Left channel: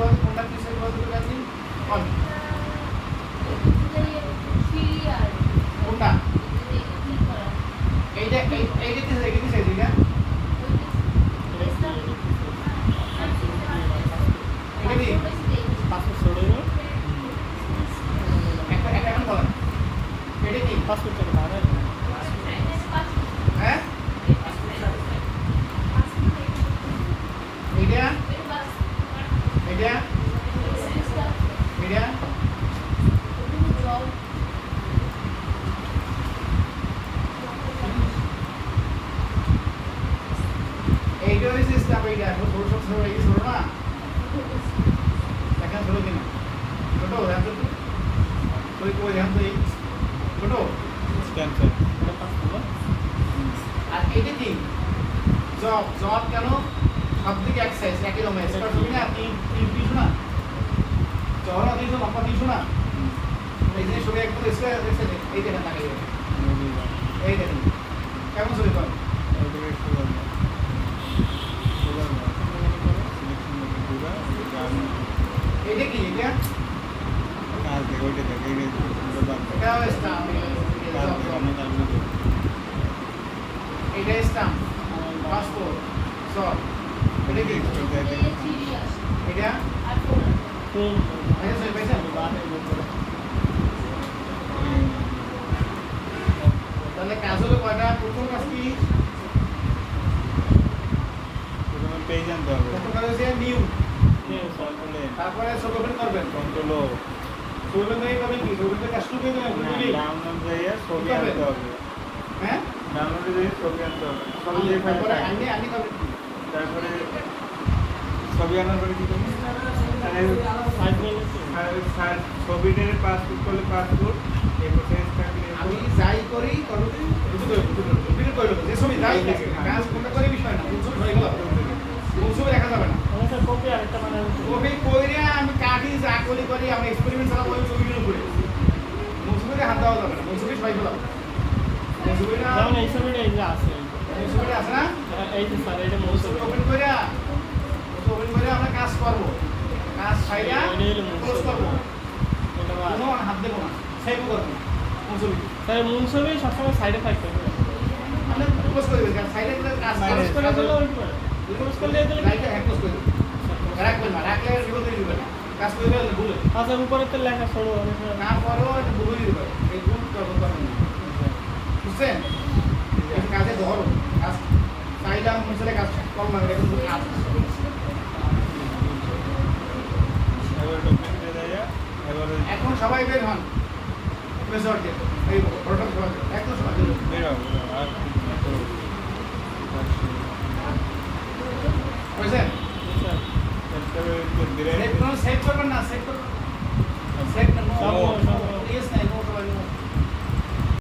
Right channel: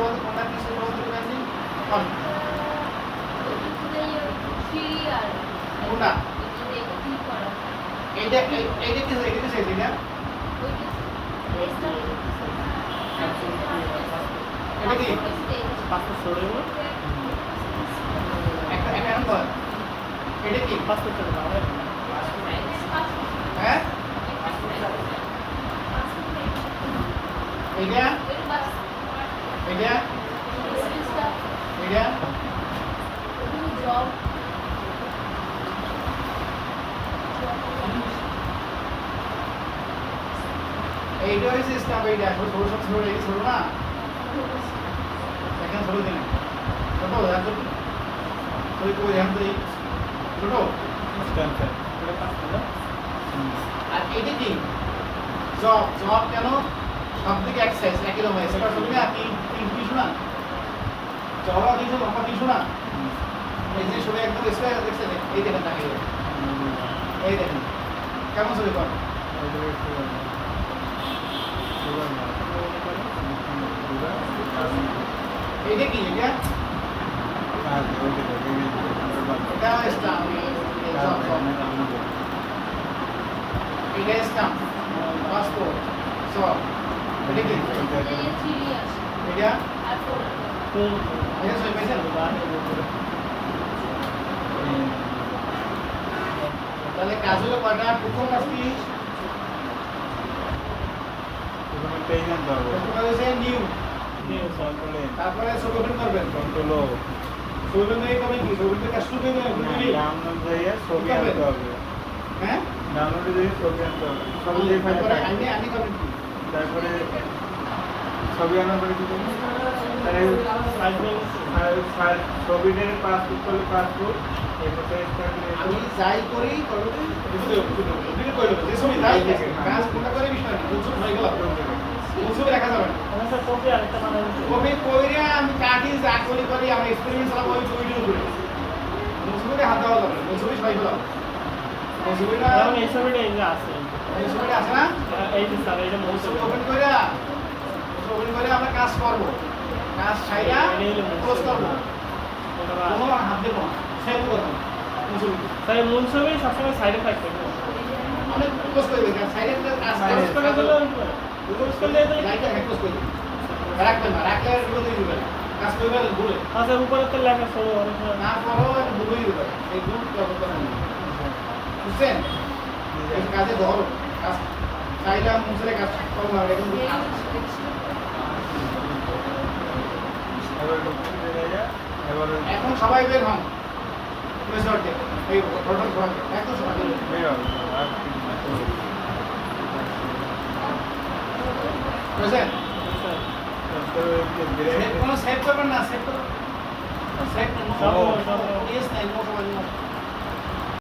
বলতে কোনটা কি সই বলতে পারবি কোন কোনটা এইটা এইটা কি এইটা কি সাইজ এটা এটা কি পাসপোর্ট ছড়িয়ে একটা একটা এখন বল এটা কি পাসপোর্ট চলে বাবা হ্যাঁ এইটা এইটা এইটা এইটা হচ্ছে স্টাফ এইটা এখন ছোট সব ছোট এই ছোট না দেখেন ছোট দিন ছোট দেখেন তো তুই কই দেখেন তো ছোট স্ট্যাম্প স্যার এটা পাসপোর্ট আর এইটা কি জব জব কেন সব দিকে এক সাইজ একই রকম স্কয়ার ছবি না তিন তিন পিছু না চওড়া দিছো লম্বা দিছো না এই যে ছবি একদম স্কয়ার দেখছেন এই দেখেন তাকিয়ে এই দেখেন কেমন ছবি কর এইটা কি এটা এটাও স্টাম্প এটা স্টাম্প পাসপোর্ট সব এটা কি এটা সই পেয়েছেন তাহলে কাজ হলো কয়টা প্রথম কাজ কি পেয়ে জানতে হবে প্রথম কাজ হচ্ছে নিউ কন্ট্রোলে তারপরে ছোট করে করবেন কন্ট্রোল ছোট নিয়ে করবেন কি ছোট কাজ শুরু করে দেবেন ডাউনলোড দিয়ে ছবি আনতে হবে হ্যাঁ ডাউনলোডে দিয়ে ছবি আনতে হবে ছবি দিয়ে ফাইল তারপরে আমি করবেন কি তারপরে ছবি আনার পরে কি করবো তাহলে ছবিটার পাসপোর্ট করলে পাসপোর্ট এরপর আমি যাই করি যে ছবি যাই কাজ কোনটা করে বিষয় না বুঝছো হয়ে গেল ছবি দেখা যাবে না কপি আরেকটা বানাই কবি কইরা আমি কাটি যা করি আমার এক্সপেরিমেন্ট চালাবো ওই ছবিটা উপরে ছবিটা হাত দেওয়া যাবে না ছবি ছয় গেল ছবিটা যেমন এই ছবিটা এই যে আছে এই ছবিটা আছে না এই যে স্যার এটা মূল ছবি ওপেন কইরা আমরা কাজ করব কাজ ছাইরা ক্লোজ করব এটা কোনো হাত দেব না সেভ করব না ছবি তাই মূল ছবি সবসময় সাইড এফেক্ট করবে অনেক ক্লোজ করে দেবেন সাইডে কাজ ক্লোজ করে দিলে ক্লোজ করলে এগুলো লাইটটা ক্লোজ করে দেবেন রাখবেন না রাখলে আর বিপদ হয়ে যাবে কাজ করবে ভুলে আচ্ছা উপরে তো লেখা সরো অনেক না করো ভুলই যাবে এই গ্রুপ করতে পারবেন বুঝছেন এই কাজে ধরো কাজ চাইলাম মুসলে কাজ করবো না এখন কাজ এখন সবাই বের হন প্রেসারকে এই প্রোডাক্ট সবাই একদম সবাই বের হন বুঝছেন সেভ করবেন না সেভ করবেন সেভ না ইয়েস নাই নো সবাই